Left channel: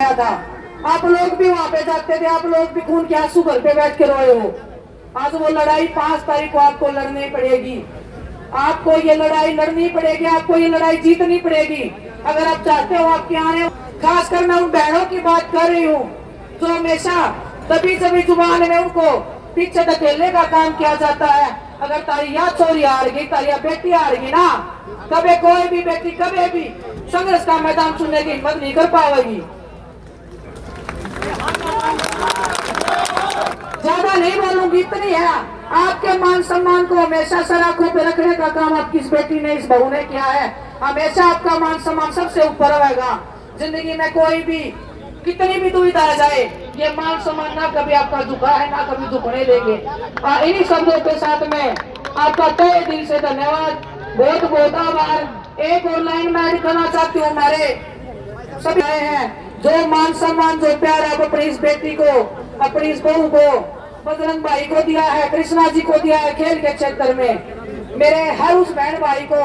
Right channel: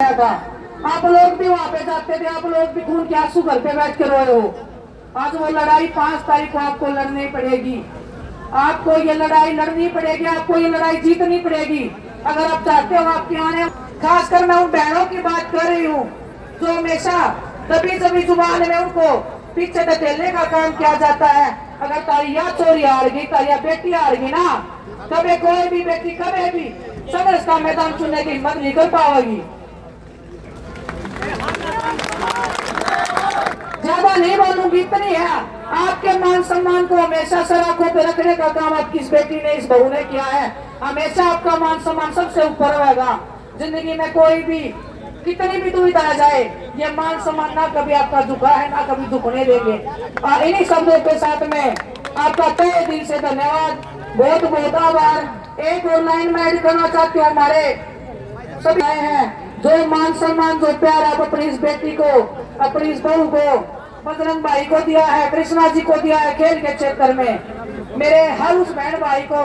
था। आप लोग भी वहाँ पे जाते थे, आप लोग भी खून के आंसू घर पे बैठ के रोए हो। आज वो लड़ाई 5 तारीख को आपको लड़नी पड़ेगी। आपको ये लड़ाई लड़नी पड़ेगी, आपको ये लड़ाई जीतनी पड़ेगी अगर आप चाहते हो आपके आने। खासकर मैं उन बहनों की बात कर रही हूँ जो हमेशा दबी दबी जुबान में उनको पीछे धकेलने का काम किया जाता है। अगर तारी या चोरी हार गई, तारी बेटी हार गई ना, कभी कोई भी बेटी कभी भी संघर्ष का मैदान चुनने की हिम्मत नहीं कर पाएगी। ज्यादा नहीं बोलूंगी, इतनी है। आपके मान सम्मान को हमेशा सराखों पे रखने का काम आपकी इस बेटी ने, इस बहू ने किया है। हमेशा आपका मान सम्मान सबसे ऊपर रहेगा। जिंदगी में कोई भी कितनी भी दुविधा आ जाए, ये मान सम्मान ना कभी आपका झुका है, ना कभी झुकने देंगे। इन्हीं शब्दों के साथ में आपका तहे दिल से धन्यवाद, बहुत बहुत आभार। एक और लाइन में ऐड करना चाहती हूँ, हमारे सभी आए हैं जो मान सम्मान, जो प्यार आप अपनी इस बेटी को, अपनी इस बहू को, बजरंग भाई को दिया है, कृष्णा जी को दिया है खेल के क्षेत्र में। मेरे हर उस बहन भाई को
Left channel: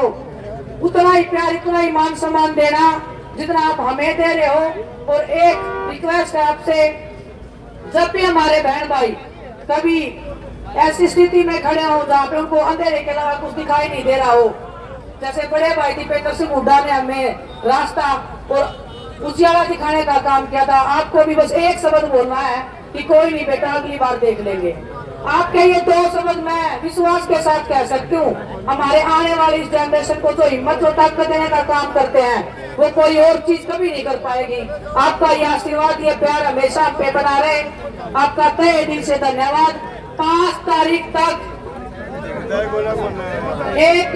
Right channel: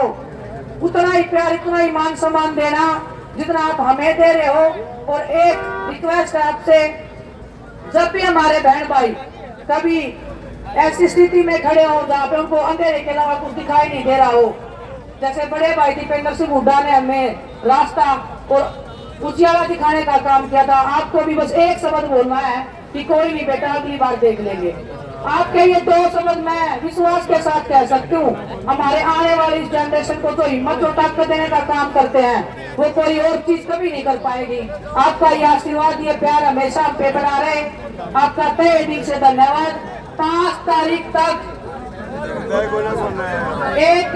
उतना ही प्यार, इतना ही मान सम्मान देना जितना आप हमें दे रहे हो। और एक रिक्वेस्ट है आपसे, जब भी हमारे बहन भाई कभी ऐसी स्थिति में खड़े हो जहाँ पे उनको अंधेरे के अलावा कुछ दिखाई नहीं दे रहा हो, जैसे बड़े भाई दीपेंद्र सिंह हुड्डा ने हमें रास्ता और उजियारा दिखाने का काम किया था, आपको भी बस एक शब्द बोलना है कि कोई नहीं बेटा, अगली बार देख लेंगे। आपके ये 2 शब्द मैं विश्वास के साथ कह सकती हूँ, हमारे आने वाली इस जनरेशन को जो हिम्मत और ताकत देने का काम करते हैं वो कोई और चीज कभी नहीं कर पाएगी। आपका ये आशीर्वाद, ये प्यार हमेशा हम पे बना रहे। आपका तहे दिल से धन्यवाद। 5 तारीख तक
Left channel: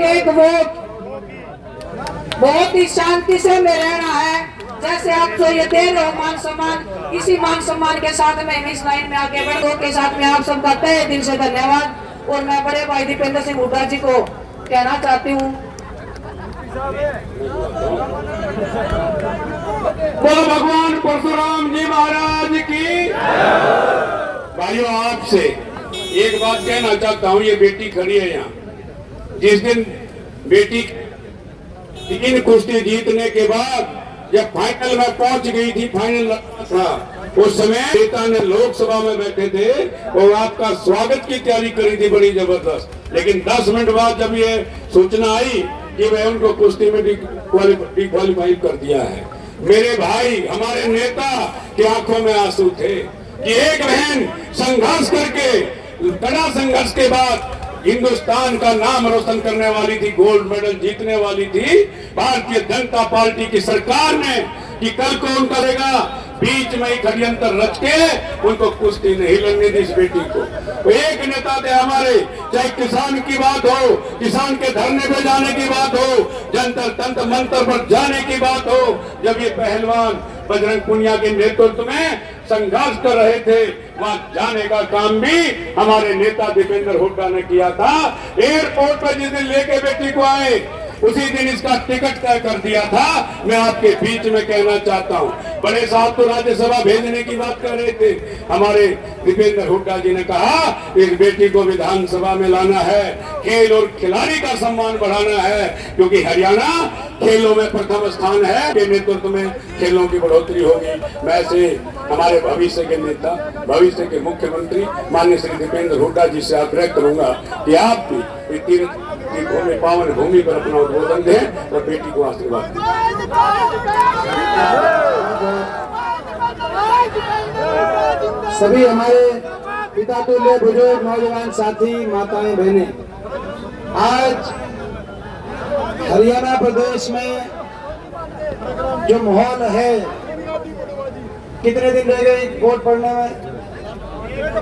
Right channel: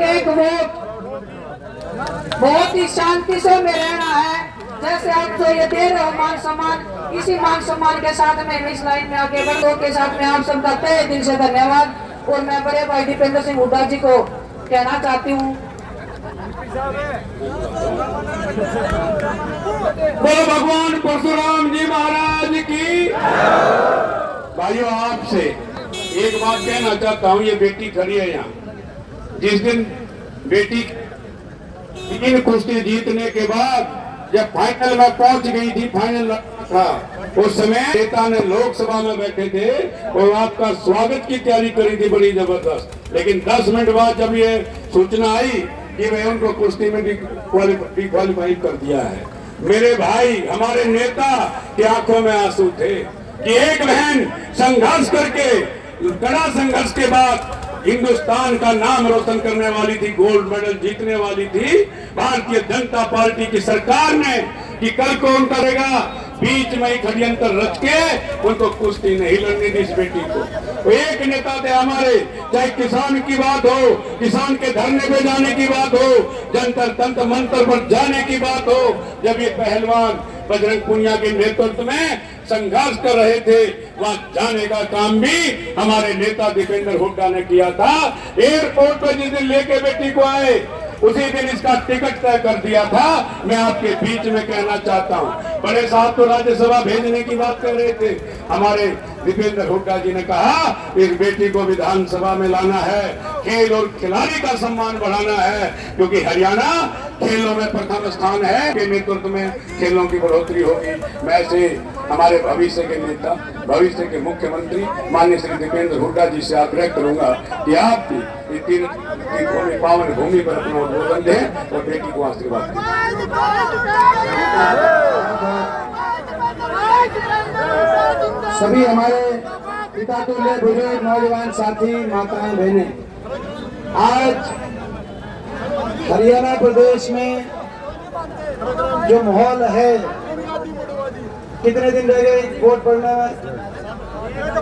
एक वोट बहुत ही शांति से में रहना है। जैसे आप जो ये दे रहे हो मान सम्मान, इसी मान सम्मान के साथ में इस लाइन में आगे बढ़ो के साथ में आप सबका तहे दिल से धन्यवाद। और मैं बड़े भाई दीपेंद्र सिंह हुड्डा जी को कहना चाहती हूँ, बोलो भगवान परशुराम जी महाराज की। भाइयों, आपसे एक बात कहना चाहता हूँ, ये बेटी खड़ी है यहाँ। जिस दिन बेटी 3 कुश्ती जीतने के बाद जब फाइनल में पहुंच गई थी, फाइनल था, उस समय नेता ने लोकसभा में बैठे थे और आपका स्वागत की तैयारी करी थी बड़ी जबरदस्त। लेकिन 10 मिनट बाद जब ये सूचना आई कि मैं उनको कुश्ती में डिक्वालीफाई कर दिया है, मेरे भाई, हमारे नेता की आंखों में आंसू थे कि एक बहन संघर्ष करके, कड़ा संघर्ष के बाद हिंदुस्तान का नाम रोशन करने वाली थी, गोल्ड मेडल जीतने वाली थी भारतीय जनता पार्टी की सरकार ने, कि कल को उनका रहेगा बीच में ही षड्यंत्र रच के उनको कुश्ती नहीं लड़ने दी इस बेटी को। तो एक नेता थे हमारे, चाहे किसान की बात हो, किसान के धरने पे जाने की बात हो, जंतर तंत्र मंत्र पर जाने की बात हो, जब ये पहलवान बजरंग पुनिया के नेतृत्व में संघर्ष कर रहे थे, वहां जाने का काम भी हमारे नेता दीपेंद्र हुड्डा ने किया था। एयरपोर्ट पर जिस दिन लेके बेटी को आए, उसी दिन इसका टिकट तय कर दिया था। मैं आपके बीच में कहना चाहता हूँ, बड़े साहब तो राज्यसभा भेजने की बात कर रहे थे, हमारे दीपेंद्र हुड्डा जी ने कहा इस बेटी को विधानसभा में लाना है, खेल और खिलाड़ी का सम्मान बढ़ाना है, क्योंकि हरियाणा खेलों में प्रथम स्थान है, के नेतृत्व में खेलों की बढ़ोतरी होगी। मैं से हमारे भविष्य के नेता, भविष्य के मुख्यमंत्री माननीय श्री दीपेंद्र हुड्डा जी से आग्रह करूंगा कि आप भी पावन भूमि पर अपना उद्बोधन दें और बेटी को आशीर्वाद दें। सभी हमारे पिता तुल्य बुजुर्ग, नौजवान साथी, माताएं, बहनें, आज हरियाणा प्रदेश में जो माहौल है, कितने दिन रह गए वोट पड़ने में?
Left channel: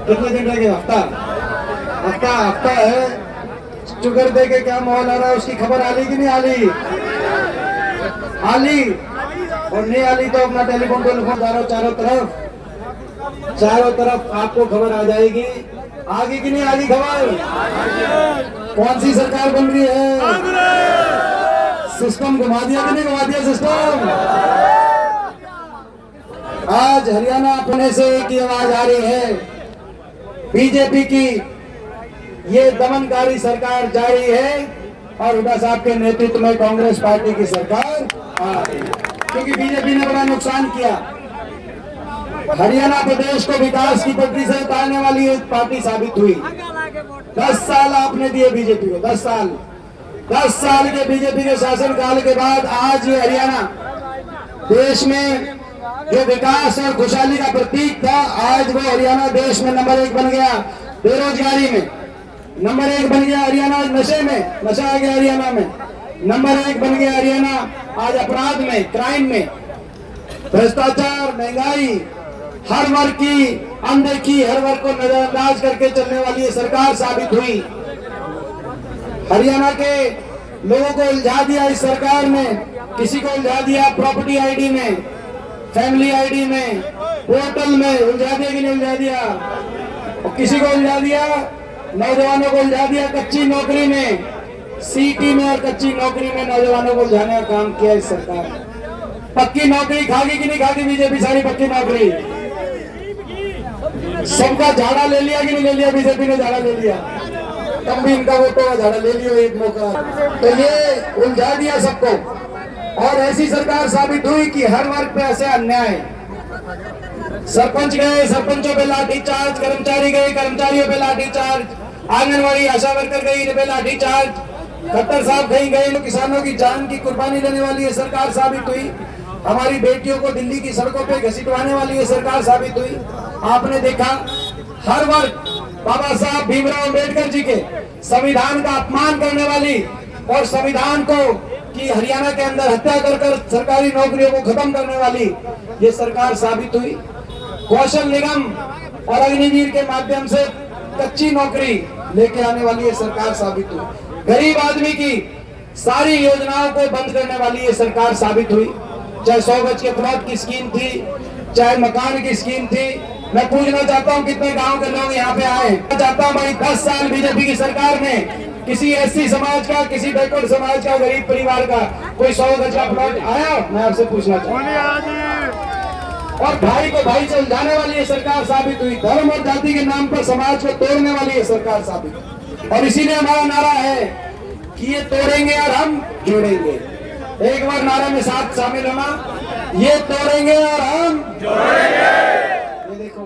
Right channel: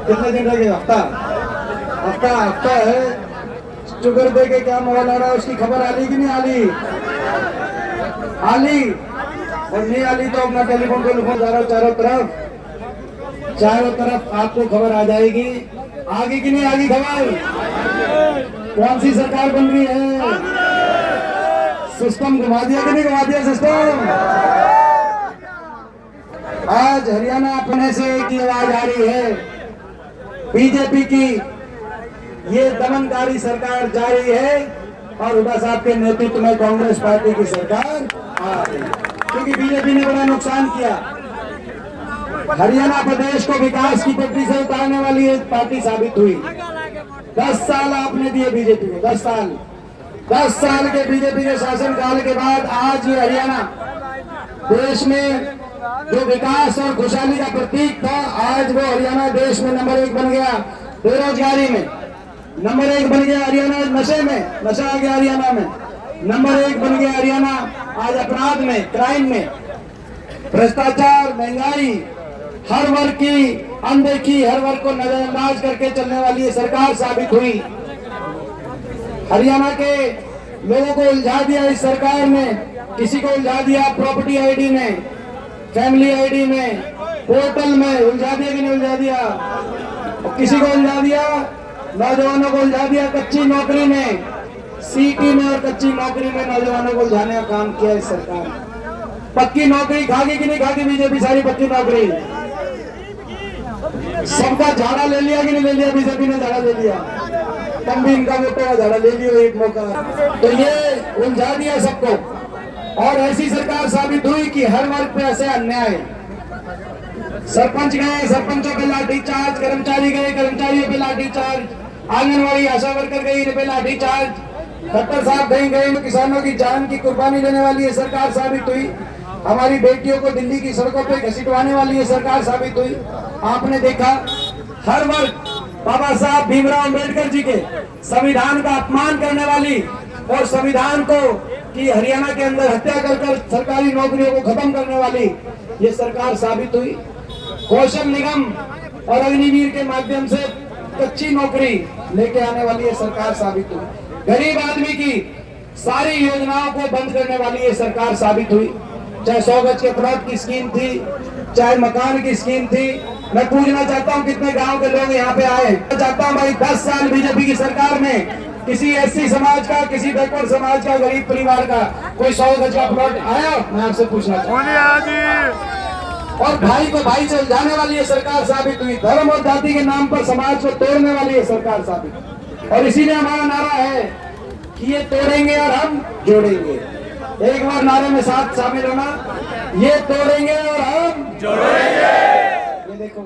कितने दिन रह गए? हफ्ता है। शुगर दे के क्या माहौल आ रहा है, उसकी खबर आली कि नहीं आली? आली। और नहीं आली तो अपना टेलीफोन चारों तरफ आपको खबर आ जाएगी। आगे कि नहीं आगे खबर? कौन सी सरकार बन रही है? सिस्टम घुमा दिया कि नहीं घुमा दिया सिस्टम? आज हरियाणा पुणे से एक आवाज आ रही है, बीजेपी की ये दमनकारी सरकार जारी है और हुड्डा साहब के नेतृत्व में कांग्रेस पार्टी की सरकार आ रही है, क्योंकि बीजेपी ने बड़ा नुकसान किया। हरियाणा प्रदेश को विकास की पटरी से उतारने वाली एक पार्टी साबित हुई। 10 साल आपने दिए बीजेपी को, 10 साल के बीजेपी के शासनकाल के बाद आज ये हरियाणा देश में जो विकास और खुशहाली का प्रतीक था, आज वो हरियाणा देश में नंबर 1 बन गया। बेरोजगारी में नंबर 1 बन गया हरियाणा, नशे में नशा आ गया हरियाणा में नंबर 1 बन गया हरियाणा। आज अपराध में, क्राइम में, भ्रष्टाचार, महंगाई, हर वर्ग की अनदेखी, हर वर्ग को नजरअंदाज करके चलने वाली ये सरकार साबित हुई। हरियाणा के लोगों को उलझा दिया इस सरकार ने। किसी को उलझा दिया प्रॉपर्टी आईडी में, फैमिली आईडी में, पोर्टल में, उलझा दिया कि नहीं उलझा दिया। और किसी को उलझा दिया, नौजवानों को उलझा दिया कच्ची नौकरी में, सीटी में और कच्ची नौकरी में नौजवानों को उलझाने का काम किया इस सरकार। पक्की नौकरी खागी कि नहीं खागी बीजेपी? सारी पक्की नौकरी। सबका झाड़ा ले लिया कि नहीं ले लिया? बीजेपी ने झाड़ा ले लिया। तब भी इनका वोट का झाड़ा ले लिया एक मौका। तो ये उलझा दिया सबको। और ऐसी सरकार साबित हुई कि हर वर्ग पे ऐसे अन्याय। सरपंच गए, सरपंचों पे लाठीचार्ज, कर्मचारी गए, कर्मचारियों पे लाठीचार्ज, आंगनवाड़ी आशा वर्कर गई, इन पे लाठीचार्ज, खट्टर साहब कहीं गए तो किसानों की जान की कुर्बानी लेने वाली ये सरकार साबित हुई। हमारी बेटियों को दिल्ली की सड़कों पे घसीटवाने वाली ये सरकार साबित हुई। आपने देखा हर वर्ग बाबा साहब भीमराव अंबेडकर जी के संविधान का अपमान करने वाली और संविधान को कि हरियाणा के अंदर हत्या कर सरकारी नौकरियों को खत्म करने वाली ये सरकार साबित हुई। कौशल निगम और अग्निवीर के माध्यम से कच्ची नौकरी लेके आने वाली ये सरकार साबित हुई। गरीब आदमी की सारी योजनाओं को बंद करने वाली ये सरकार साबित हुई। चाहे 100 गज के प्लॉट की स्कीम थी, चाहे मकान की स्कीम थी। मैं पूछना चाहता हूँ कितने गांव के लोग यहाँ पे आए? मैं चाहता हूँ भाई 10 साल बीजेपी की सरकार में किसी एससी समाज का, किसी बैकवर्ड समाज का, गरीब परिवार का कोई 100 गज का प्लॉट आया? मैं आपसे पूछना चाहता हूँ। और भाई को भाई से उलझाने वाली ये सरकार साबित हुई। धर्म और जाति के नाम पर समाज को तोड़ने वाली ये सरकार साबित हुई। और इसीलिए हमारा नारा है कि ये तोड़ेंगे और हम जोड़ेंगे। एक बार नारे में साथ शामिल होना, ये तोड़ेंगे और हम जोड़ेंगे। ये देखो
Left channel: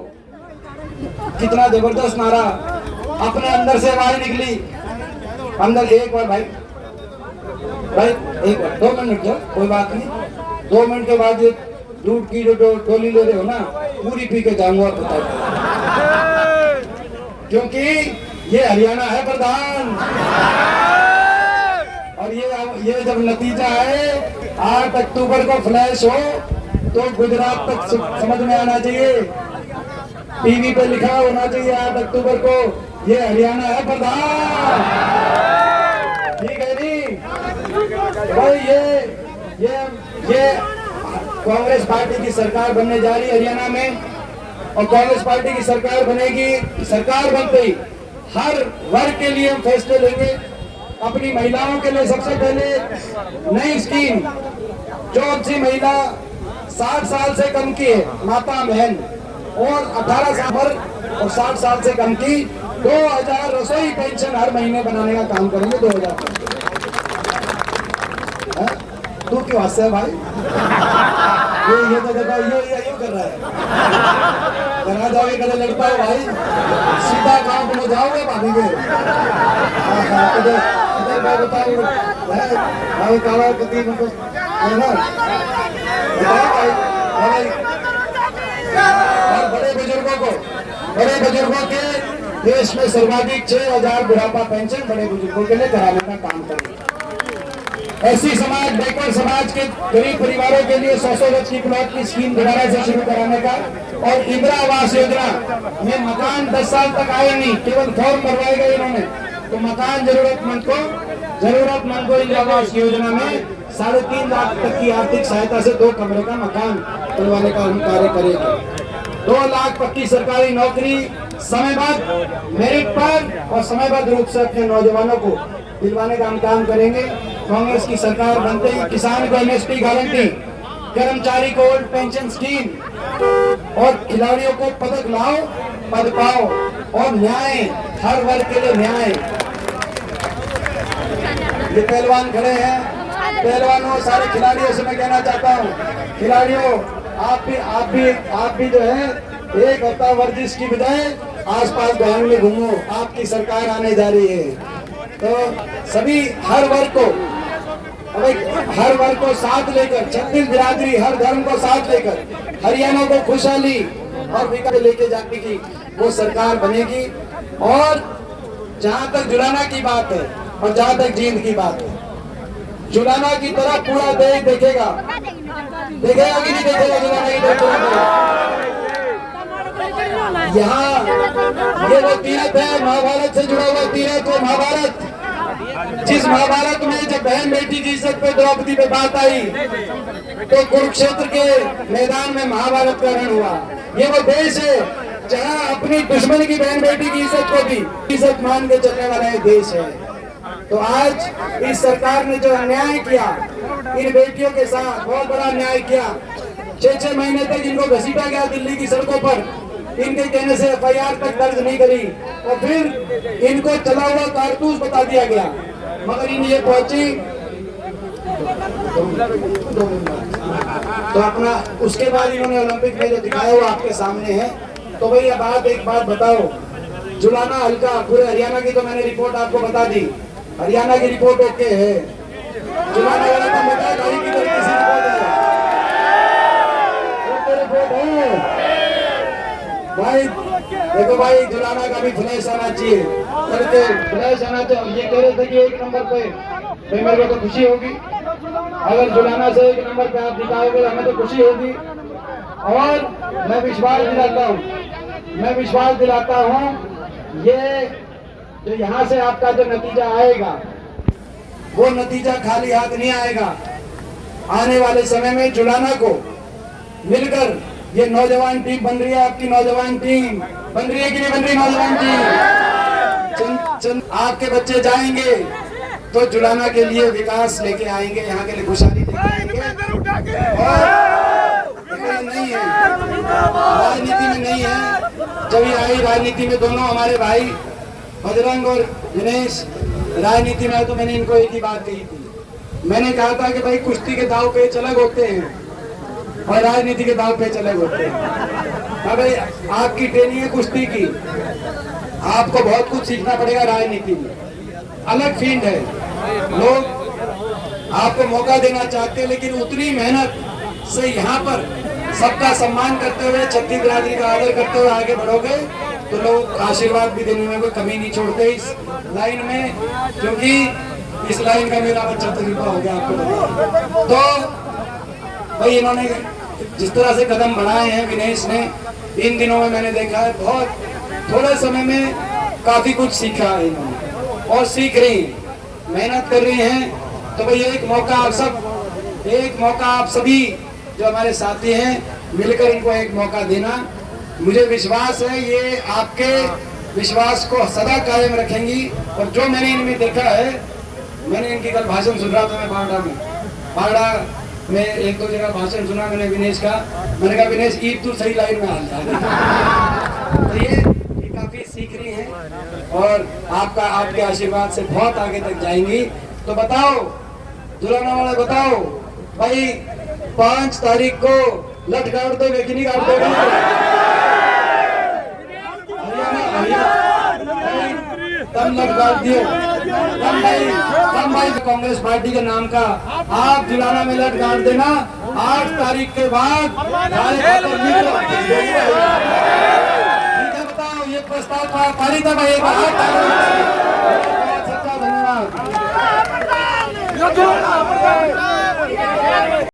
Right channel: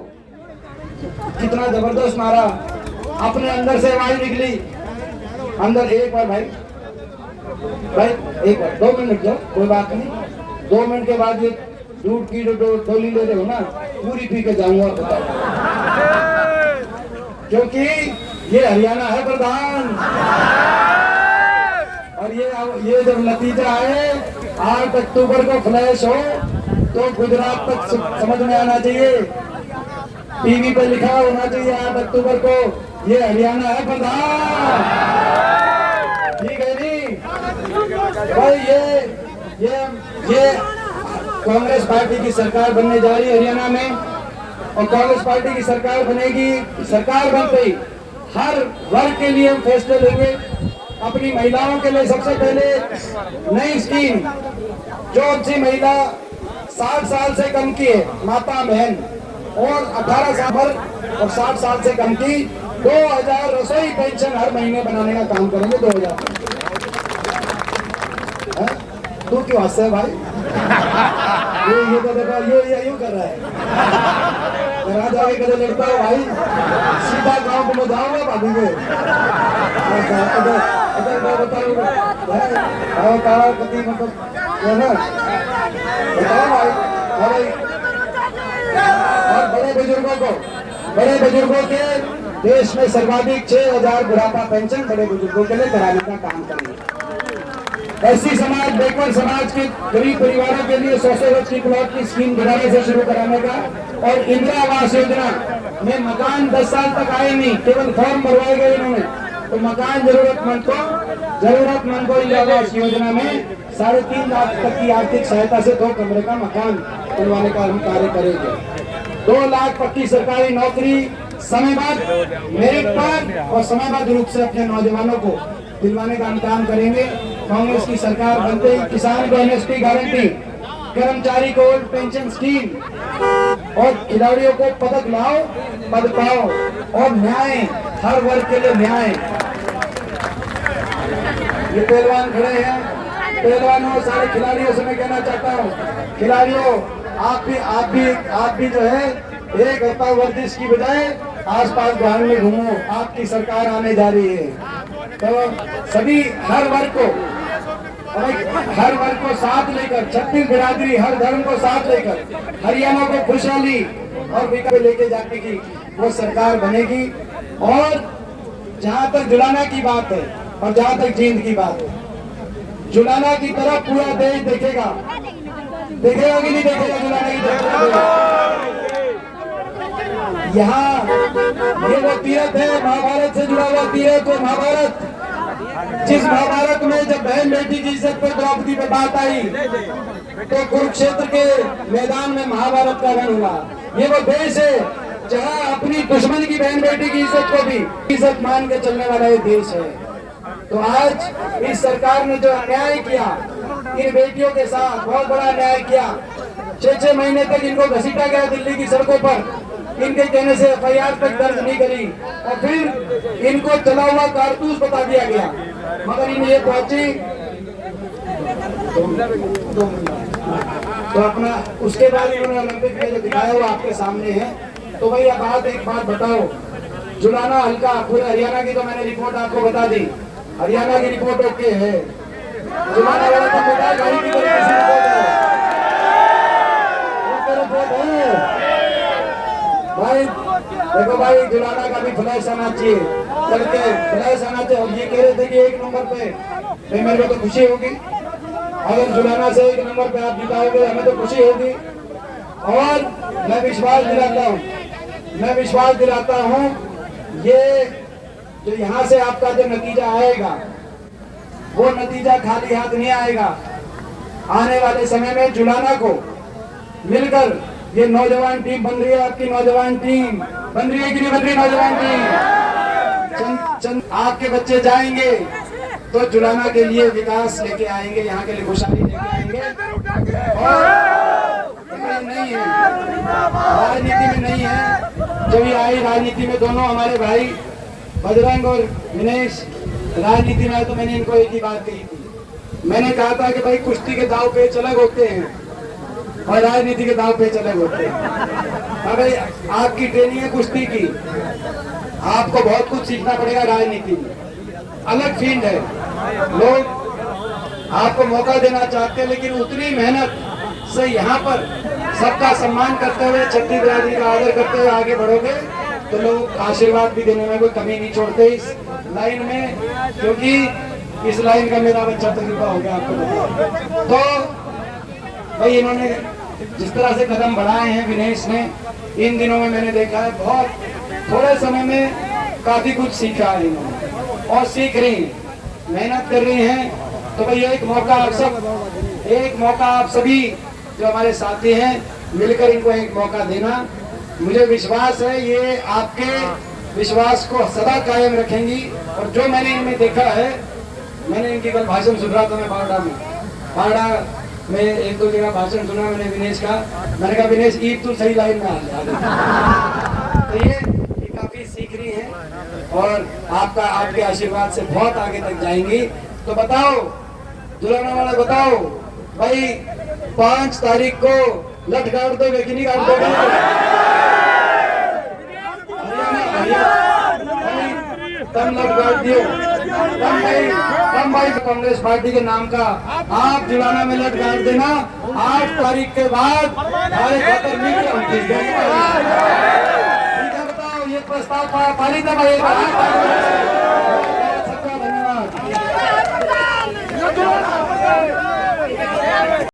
कितना जबरदस्त नारा, अपने अंदर से आवाज निकली अंदर। एक बार भाई एक बार 2 मिनट जाओ, कोई बात नहीं। 2 मिनट के बाद ये दूध की जो डोली ले रहे हो ना, पूरी पी के जाऊंगा और बताओ, क्योंकि ये हरियाणा है प्रधान। और ये जब नतीजा है 8 अक्टूबर को फ्लैश हो तो गुजरात तक समझ में आना चाहिए, टीवी पे लिखा होना चाहिए 8 अक्टूबर को ये हरियाणा है प्रधान। ठीक है नहीं भाई? ये कांग्रेस पार्टी की सरकार बनने जा रही है हरियाणा में। और कांग्रेस पार्टी की सरकार बनेगी। सरकार बनते ही हर वर्ग के लिए हम फैसले लेंगे। अपनी महिलाओं के लिए सबसे पहले नई स्कीम, जो अच्छी महिला 60 साल से कम की है, माता बहन, और 18 साल और 60 साल से कम की 2000 रसोई पेंशन हर महीने बनाने का काम करेंगे। 2000 तू क्यों हंस है भाई? ये तो देखो ये कर रहा है। करा जाओगे कदे लड़ता है भाई, सीधा गांव में जाओगे भाभी के। बताओ काला कति मतलब है ना, बताओ भाई। और बड़े बुजुर्गों के देश में सर्वाधिक 6000 बुढ़ापा पेंशन बड़े बुजुर्गों के लिए कराने का काम करेंगे। ऐसी समाज, बैकवर्ड समाज के गरीब परिवारों के लिए 100 गज की प्लॉट की स्कीम दोबारा से शुरू कराने का। और इंदिरा आवास योजना में मकान 10 साल तक आए नहीं, केवल फॉर्म भरवाए गए इन्होंने। तो मकान जरूरतमंद को इंदिरा आवास योजना में 3.5 लाख तक की आर्थिक सहायता से 2 कमरे का मकान बनवाने का हम कार्य करेंगे। 2 लाख पक्की सरकारी नौकरी समयबद्ध मेरिट पर और समयबद्ध रूप से अपने नौजवानों को दिलवाने का हम काम करेंगे। कांग्रेस की सरकार बनते ही किसान को एमएसपी गारंटी, कर्मचारी को ओल्ड पेंशन स्कीम और खिलाड़ियों को पदक लाओ, पद पाओ और न्याय, हर वर्ग के लिए न्याय। ये पहलवान खड़े हैं, पहलवानों सारे खिलाड़ियों से मैं कहना चाहता हूँ, खिलाड़ियों आप भी जो है एक हफ्ता वर्जिश की बजाय आसपास गांव में घूमो, आपकी सरकार आने जा रही है। तो सभी हर वर्ग को साथ लेकर, 36 बिरादरी हर धर्म को साथ लेकर हरियाणा को खुशहाली और विकास लेके जाने की वो सरकार बनेगी। और जहां तक जुलाना की बात है और जहां तक जींद की बात है, जुलाना की तरफ पूरा देश देखेगा कि नहीं देखेगा? जुलाना की तरफ यहाँ ये वो तीरथ है, महाभारत से जुड़ा हुआ तीरथ। वो महाभारत, जिस महाभारत में जब बहन बेटी की इज्जत पे द्रौपदी पे बात आई तो कुरुक्षेत्र के मैदान में महाभारत का रण हुआ। ये वो देश है जहाँ अपनी दुश्मन की बहन बेटी की इज्जत को भी इज्जत मान के चलने वाला ये देश है। तो आज इस सरकार ने जो न्याय किया इन बेटियों के साथ, बहुत बड़ा न्याय किया। 6-6 महीने तक इनको घसीटा गया दिल्ली की सड़कों पर, इनके कहने से FIR तक दर्ज नहीं करी और फिर इनको चला हुआ कारतूस बता दिया गया। मगर इन ये पहुंची तो अपना उसके बाद इन्होंने ओलंपिक में जो दिखाया हुआ आपके सामने है। तो भाई अब एक बात बताओ, जुलाना हल्का पूरे हरियाणा की तो मैंने रिपोर्ट आपको बता दी, हरियाणा की रिपोर्ट ओके है। जुलाना वाला तो बता गाड़ी की तरीके से रिपोर्ट है भाई। देखो भाई, जुलाना का भी फ्लैश आना चाहिए, करके फ्लैश आना चाहिए। हम ये कह रहे थे कि 1 नंबर पे मेरे को तो खुशी होगी, अगर जुलाना से 1 नंबर पे आप दिखाओगे हमें तो खुशी होगी। और मैं विश्वास दिलाता हूँ ये जो यहाँ से आपका जो नतीजा आएगा वो नतीजा खाली हाथ नहीं आएगा। आने वाले समय में जुलाना को मिलकर ये नौजवान टीम बन रही है, आपकी नौजवान टीम बन रही है कि नहीं बन रही? नौजवान टीम आपके बच्चे जाएंगे तो जुलाना के लिए विकास लेके आएंगे, यहाँ के लिए खुशहाली लेके आएंगे। और नहीं है राजनीति में, नहीं है। जब ये आई राजनीति में दोनों हमारे भाई बजरंग और दिनेश राजनीति में, तो मैंने इनको एक ही बात कही थी। मैंने कहा था कि भाई कुश्ती के दाव पेच अलग होते हैं और राजनीति के दाव पेच अलग होते हैं। अगर आपकी ट्रेनिंग है कुश्ती की, आपको बहुत कुछ सीखना पड़ेगा। राजनीति में अलग फील्ड है, लोग आपको मौका देना चाहते हैं, लेकिन उतनी मेहनत से यहाँ पर सबका सम्मान करते हुए, छत्तीस बिरादरी का आदर करते हुए आगे बढ़ोगे तो लोग आशीर्वाद भी देने में कोई कमी नहीं छोड़ते इस लाइन में, क्योंकि इस लाइन का मेरा बच्चा तजुर्बा हो गया आपको। तो भाई इन्होंने जिस तरह से कदम बढ़ाए हैं विनेश ने, इन दिनों में मैंने देखा है बहुत थोड़े समय में काफी कुछ सीखा है इन्होंने और सीख रही, मेहनत कर रही हैं। तो भाई एक मौका आप सभी जो हमारे साथी हैं मिलकर इनको एक मौका देना। मुझे विश्वास है ये आपके विश्वास को सदा कायम रखेंगी। और जो मैंने इनमें देखा है, मैंने इनकी कल भाषण सुन रहा था मैं बावड़ा में 1-2 जगह भाषण सुना मैंने विनेश का। मैंने कहा विनेश ईद तू सही लाइन में आ गई। तो ये काफी सीख रही हैं और आपके आशीर्वाद से बहुत आगे तक जाएंगी। तो बताओ जुलाना वाला, बताओ भाई 5 तारीख को लठ गाड़ दोगे कि नहीं गाड़ दोगे? तब लठ गाड़ दियो, तब भाई कांग्रेस पार्टी के नाम का आप जुलाना में लठ गाड़ देना। 8 तारीख के बाद ठीक है। बताओ ये प्रस्ताव पारित है भाई।